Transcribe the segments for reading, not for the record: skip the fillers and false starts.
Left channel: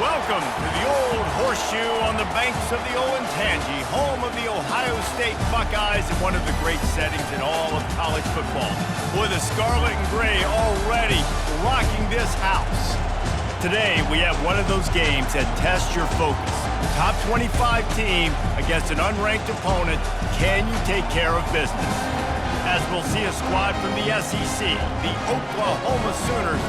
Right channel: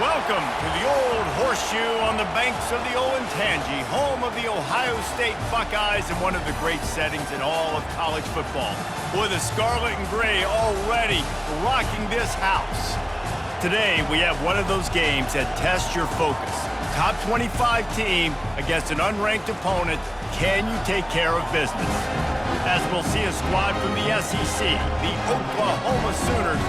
Welcome to the Old Horseshoe on the banks of the Olentangy, home of the Ohio State Buckeyes and one of the great settings in all of college football. Boy, the Scarlet and Gray already rocking this house. Today, we have one of those games that tests your focus. Top 25 team against an unranked opponent. Can you take care of business? As we'll see a squad from the SEC, the Oklahoma Sooners,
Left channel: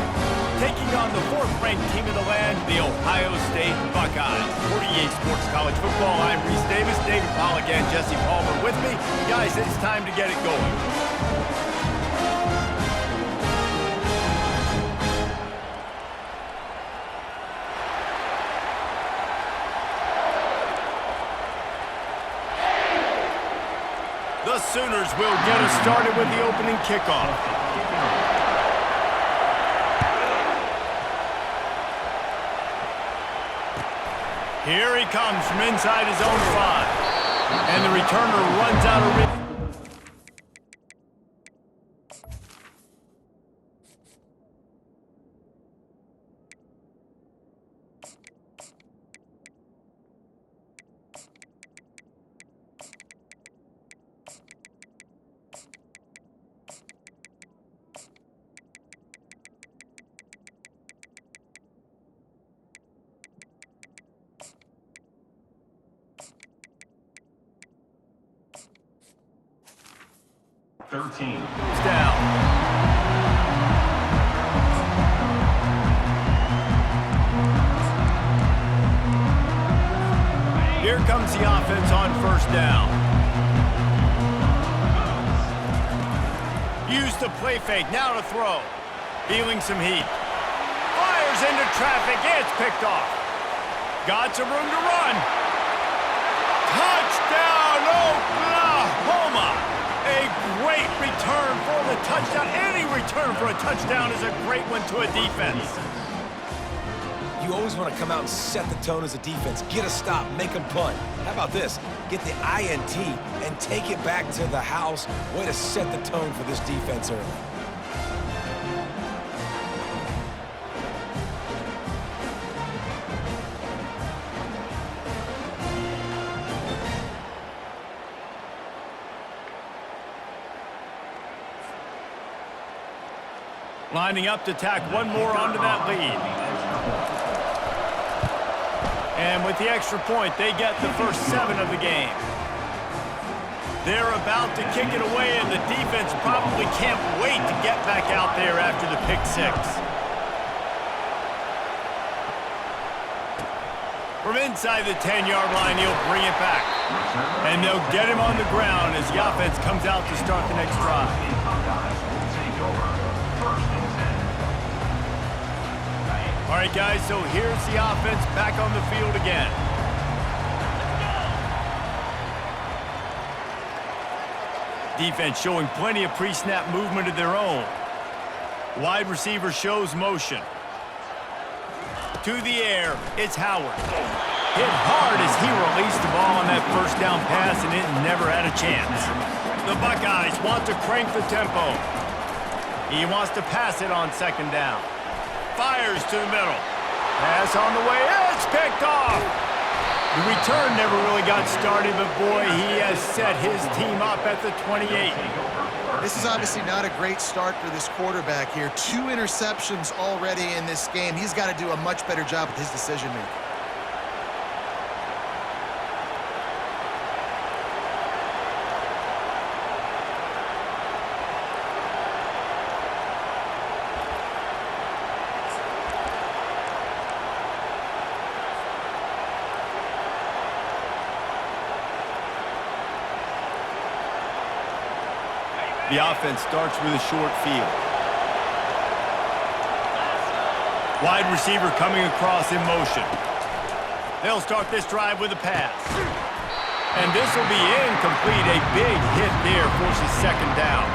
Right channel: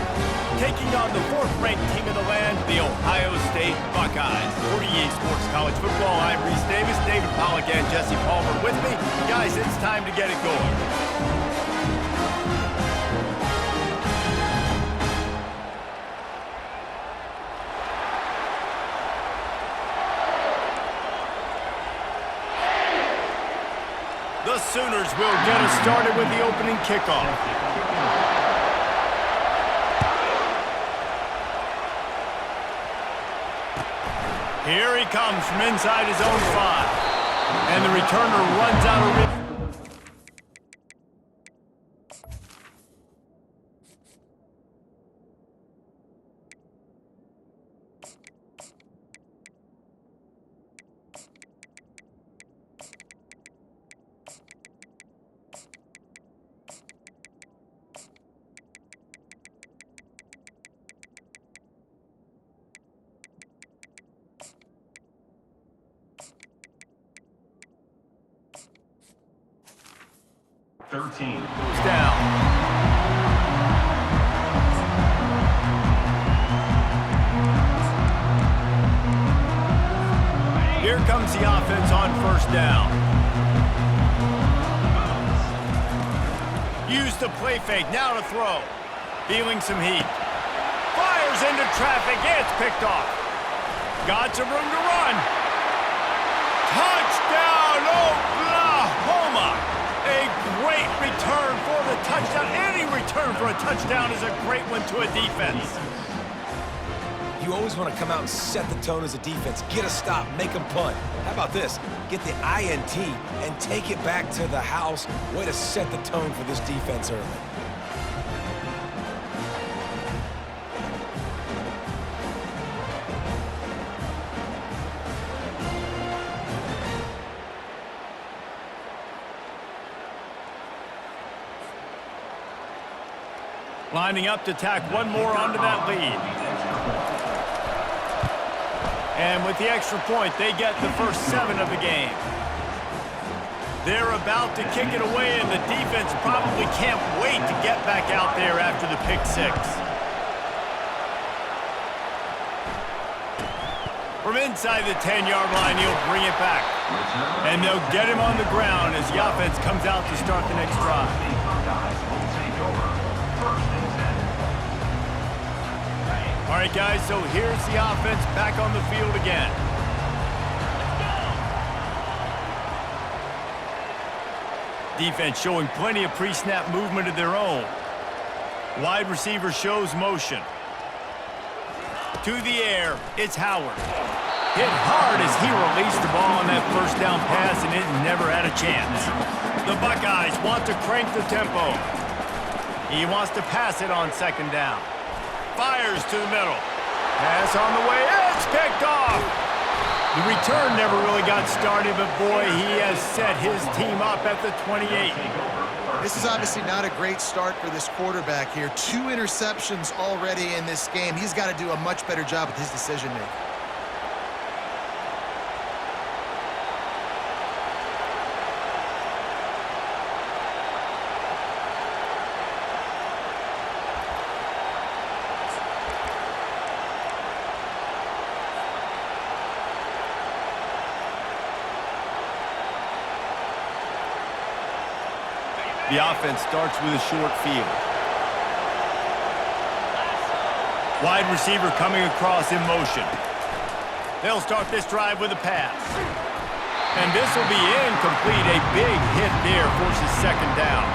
taking on the fourth-ranked team in the land, the Ohio State Buckeyes. 48 Sports College Football, I'm Reese Davis, David Pollack and Jesse Palmer with me. Guys, it's time to get it going. The Sooners will get us started with the opening kickoff. Here he comes from inside his own 5. And the returner runs out of reach. Goes down. Here comes the offense on first down. Use the play fake, now to throw. Feeling some heat. Fires into traffic, it's picked off. Got some room to run. Touchdown, Oklahoma! A great return for the touchdown. Any return for a touchdown is a great one to a defense. You always want to come out and set the tone as a defense. Get a stop, make them punt. How about this? Get the INT and take it back to the house. Way to set the tone for this defense early. Lining up to tack one more onto that lead. And with the extra point, they get the first 7 of the game. They're about to kick it away, and the defense probably can't wait to get back out there after the pick 6. From inside the 10-yard line, he'll bring it back. And they'll get him on the ground as the offense comes out to start the next drive. All right, guys, so here's the offense back on the field again. Defense showing plenty of pre-snap movement of their own. Wide receiver shows motion. To the air, it's Howard. Hit hard as he released the ball on that first down pass, and it never had a chance. The Buckeyes want to crank the tempo. He wants to pass it on second down. Fires to the middle. Pass on the way. It's picked off. The return never really got started, but boy, he has set his team up at the 28. This is obviously not a great start for this quarterback here. 2 interceptions already in this game. He's got to do a much better job with his decision-making. The offense starts with a short field. Wide receiver coming across in motion. They'll start this drive with a pass. And this will be incomplete. A big hit there forces second down.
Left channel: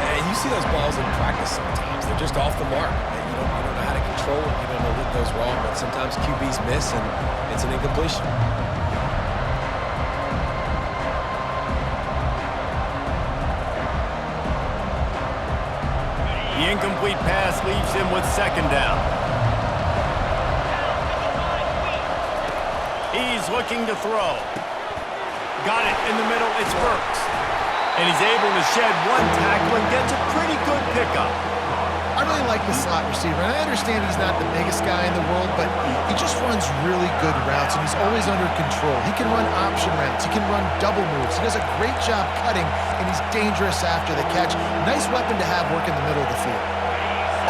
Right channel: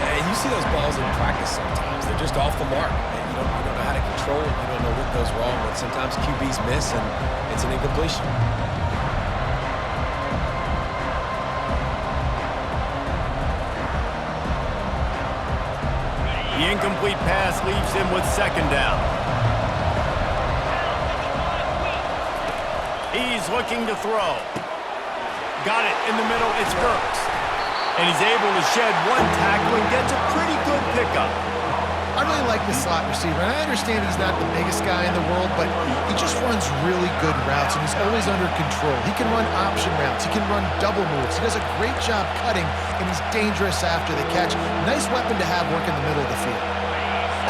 And you see those balls in practice sometimes. They're just off the mark. And you don't know how to control it. You don't know what goes wrong. But sometimes QBs miss, and it's an incompletion. The incomplete pass leaves him with second down. He's looking to throw. Got it in the middle. It's Burks. And he's able to shed one tackle and gets a pretty good pickup. I really like the slot receiver, and I understand he's not the biggest guy in the world, but he just runs really good routes, and he's always under control. He can run option routes. He can run double moves. He does a great job cutting, and he's dangerous after the catch. Nice weapon to have work in the middle of the field.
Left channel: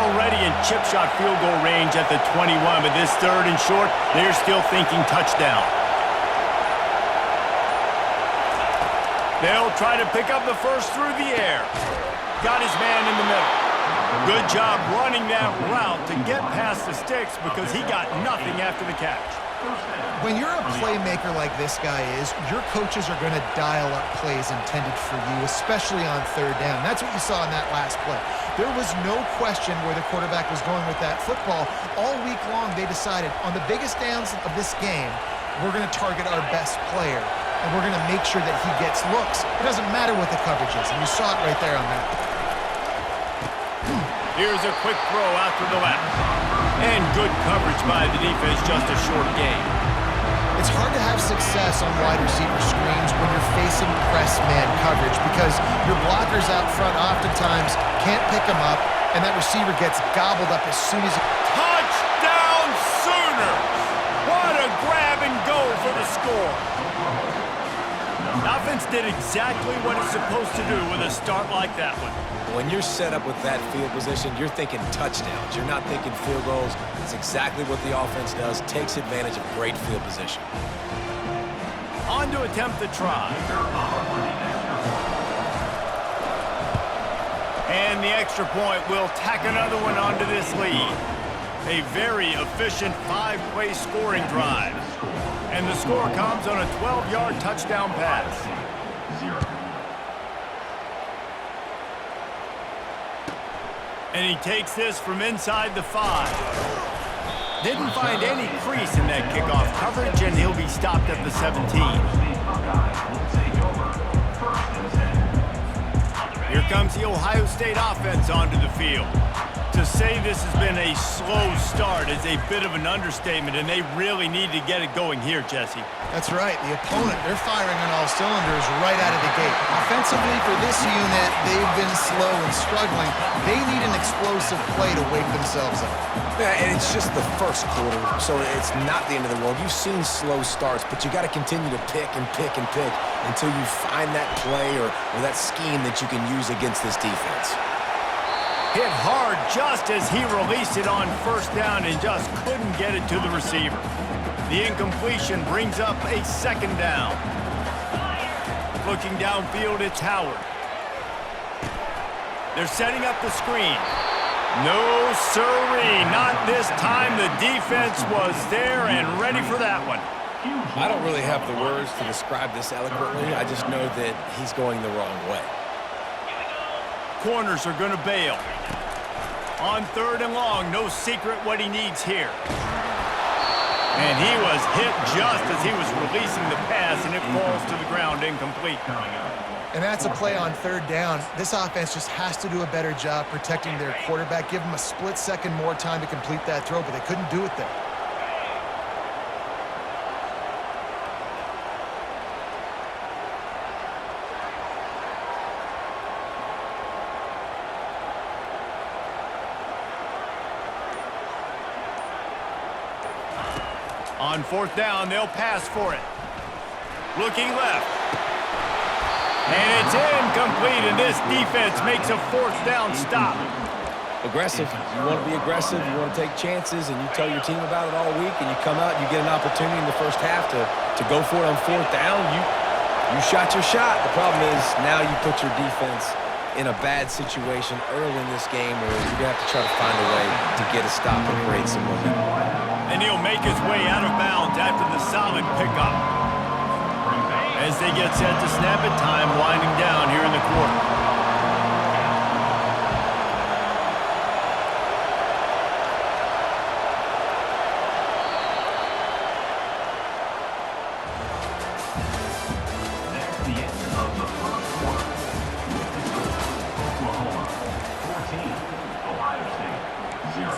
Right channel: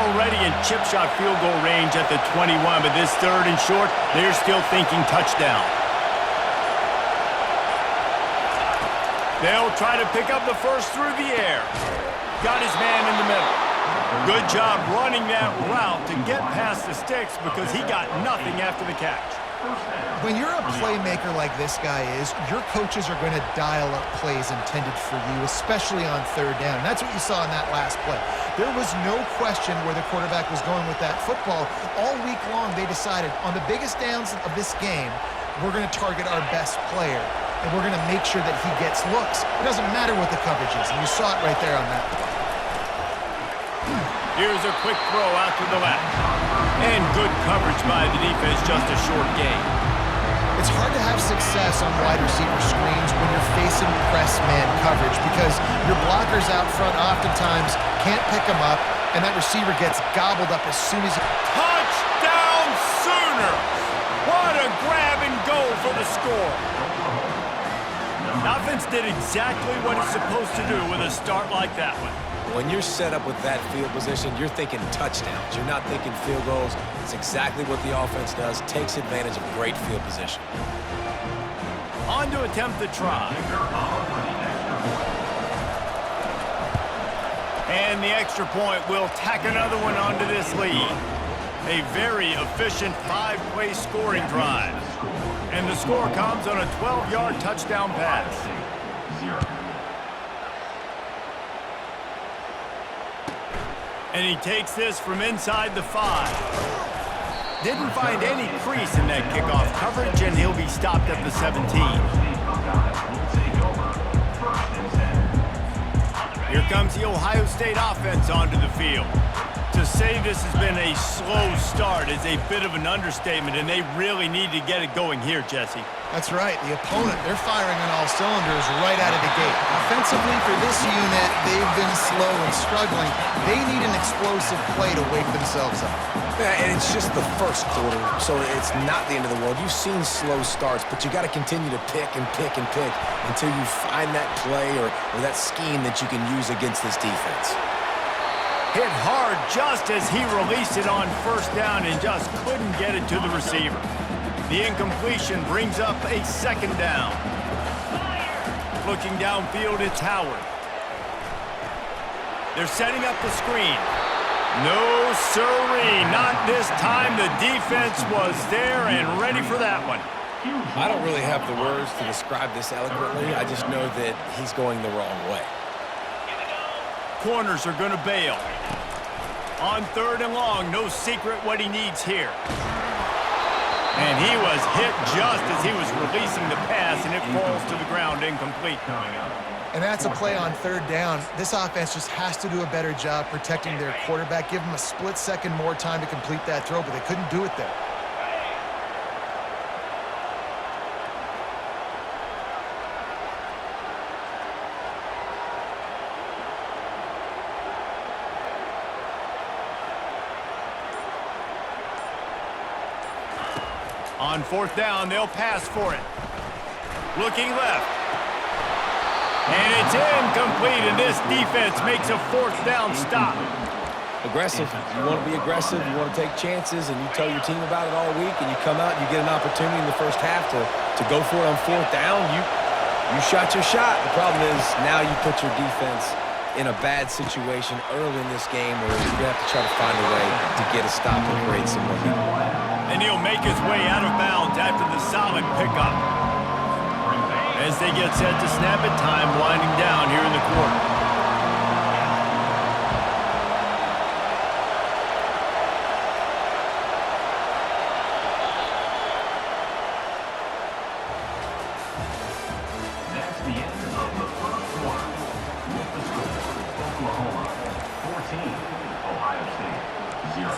Already in chip shot field goal range at the 21, but this third and short, they're still thinking touchdown. They'll try to pick up the first through the air. Got his man in the middle. Good job running that route to get past the sticks because he got nothing after the catch. When you're a playmaker like this guy is, your coaches are going to dial up plays intended for you, especially on third down. That's what you saw in that last play. There was no question where the quarterback was going with that football. All week long, they decided on the biggest downs of this game, we're going to target our best player, and we're going to make sure that he gets looks. It doesn't matter what the coverage is, and you saw it right there on that play. Here's a quick throw out to the left. And good coverage by the defense, just a short gain. It's hard to have success on wide receiver screens when you're facing press man coverage because your blockers out front oftentimes can't pick them up, and that receiver gets gobbled up as soon as he... Touchdown Sooners! What a grab and go for the score. The offense did exactly what it's supposed to do with a start like that one. When you're set up with that field position, you're thinking touchdowns. You're not thinking field goals. It's exactly what the offense does. Takes advantage of great field position. On to attempt the try. And the extra point will tack another one onto this lead. A very efficient 5-play scoring drive. And the score comes on a 12-yard touchdown pass. And he takes this from inside the 5. Didn't find any crease in that kickoff coverage, and he'll be stopped at the 17. Here comes the Ohio State offense onto the field. To say this has been a slow start is a bit of an understatement, and they really need to get it going here, Jesse. That's right. The opponent, they're firing on all cylinders right out of the gate. Offensively, for this unit, they've been slow and struggling. They need an explosive play to wake themselves up. Yeah, and it's just the first quarter, so it's not the end of the world. You've seen slow starts, but you got to continue to pick and pick and pick until you find that play or that scheme that you can use against this defense. Hit hard just as he released it on first down and just couldn't get it to the receiver. The incompletion brings up a second down. Looking downfield, it's Howard. They're setting up the screen. No siree, not this time. The defense was there and ready for that one. I don't really have the words to describe this eloquently. I just know that he's going the wrong way. Corners are going to bail. On third and long, no secret what he needs here. And he was hit just as he was releasing the pass, and it falls to the ground incomplete. And that's a play on third down. This offense just has to do a better job protecting their quarterback. Give him a split second more time to complete that throw, but they couldn't do it there. On fourth down, they'll pass for it. Looking left. And it's incomplete, and this defense makes a fourth down stop. Aggressive. You want to be aggressive. You want to take chances, and you tell your team about it all week, and you come out and you get an opportunity in the first half to go for it on fourth down. You shot your shot. The problem is now you put your defense in a bad situation early in this game where you're going to have to try to find a way to get a stop and create some momentum. And he'll make his way out of bounds after the solid pickup. As they get set to snap it, time winding down here in the quarter. That's the end of the first quarter. With the score, Oklahoma 14, Ohio State 0.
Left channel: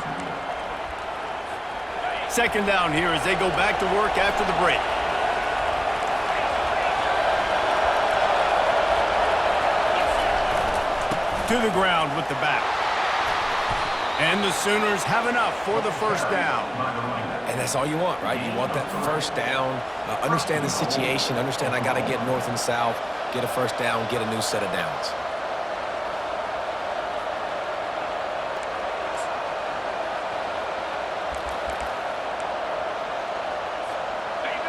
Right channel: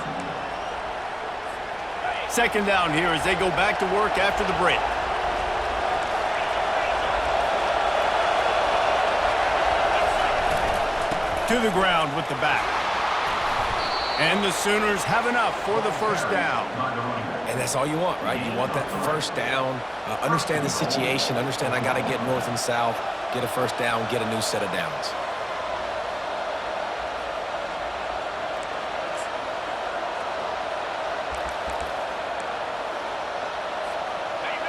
Second down here as they go back to work after the break. To the ground with the back. And the Sooners have enough for the first down. And that's all you want, right? You want that first down, understand the situation, understand I got to get north and south, get a first down, get a new set of downs.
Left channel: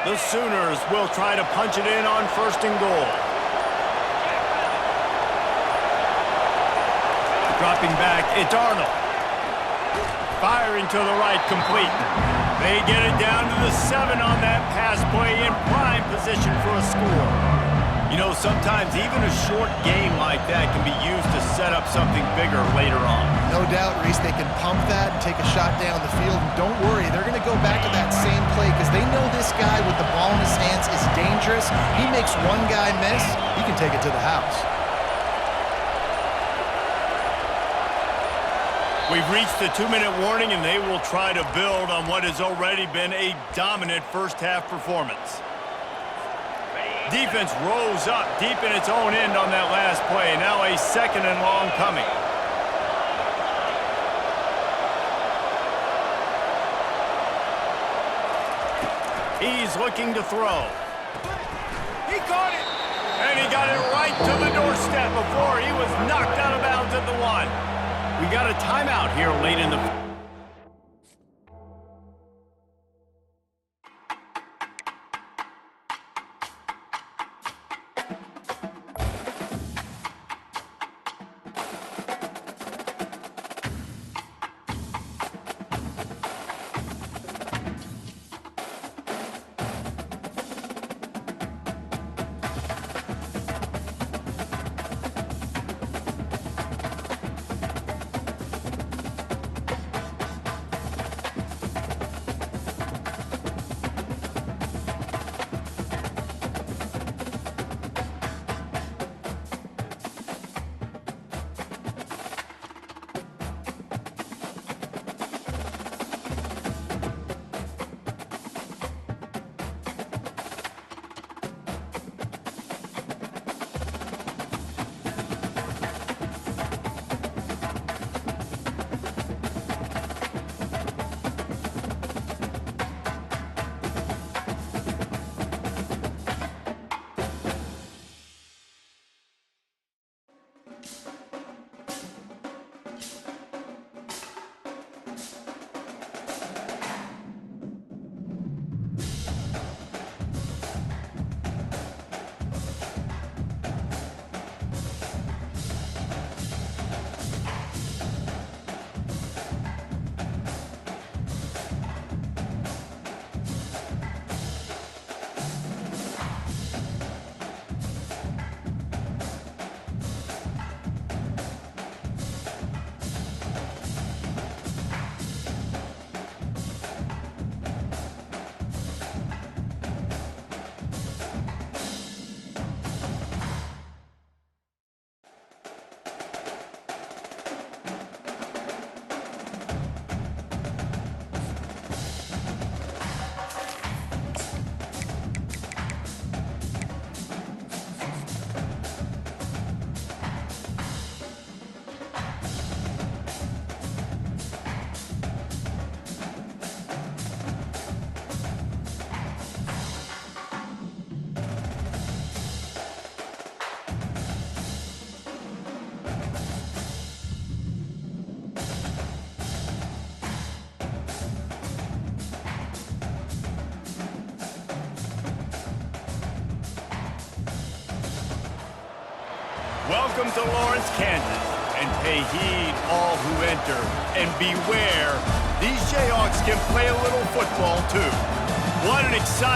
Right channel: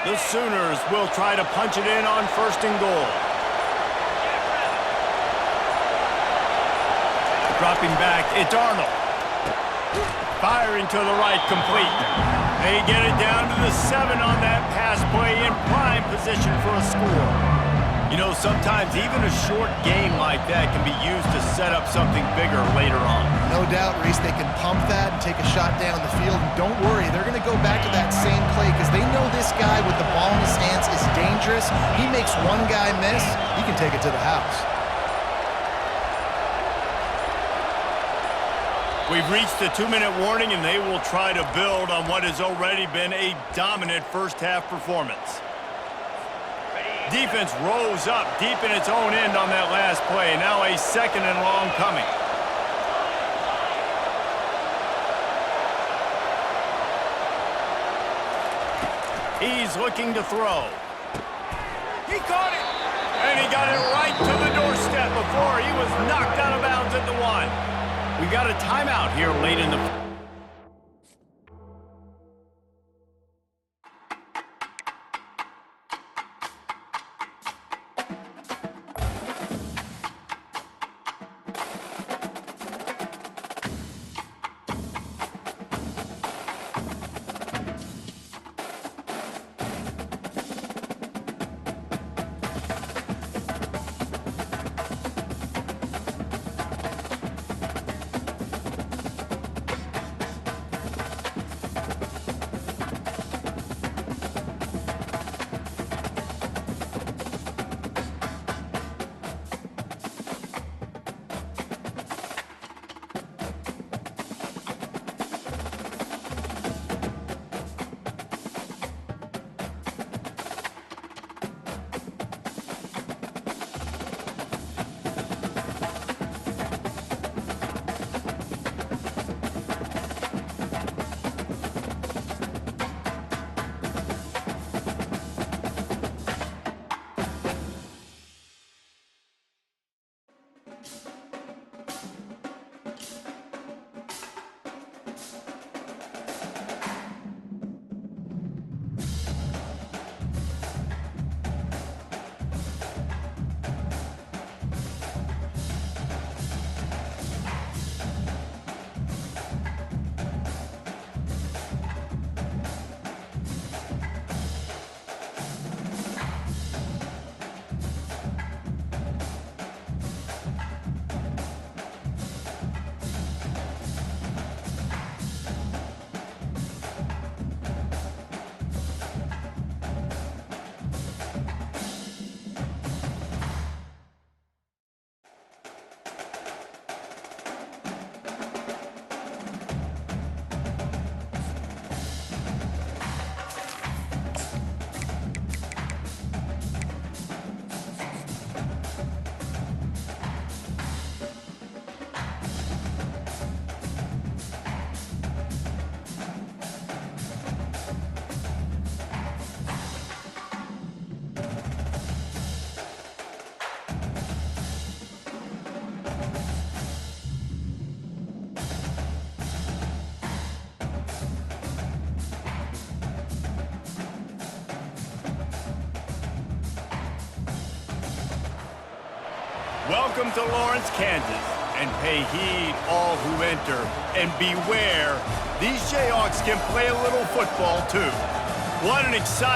The Sooners will try to punch it in on first and goal. Dropping back, it's Arnold. Firing to the right, complete. They get it down to the 7 on that pass play in prime position for a score. You know, sometimes even a short game like that can be used to set up something bigger later on. No doubt, Reese, they can pump that and take a shot down the field. And don't worry, they're going to go back to that same play because they know this guy with the ball in his hands is dangerous. He makes one guy miss, he can take it to the house. We've reached the 2-minute warning, and they will try to build on what has already been a dominant first-half performance. Defense rose up deep in its own end on that last play. Now a second and long coming. He's looking to throw. He caught it! And he got it right to the doorstep before he was knocked out of bounds at the 1. We got a timeout here late in the... Welcome to Lawrence, Kansas, and pay heed all who enter, and beware, these Jayhawks can play a little football too. What an exciting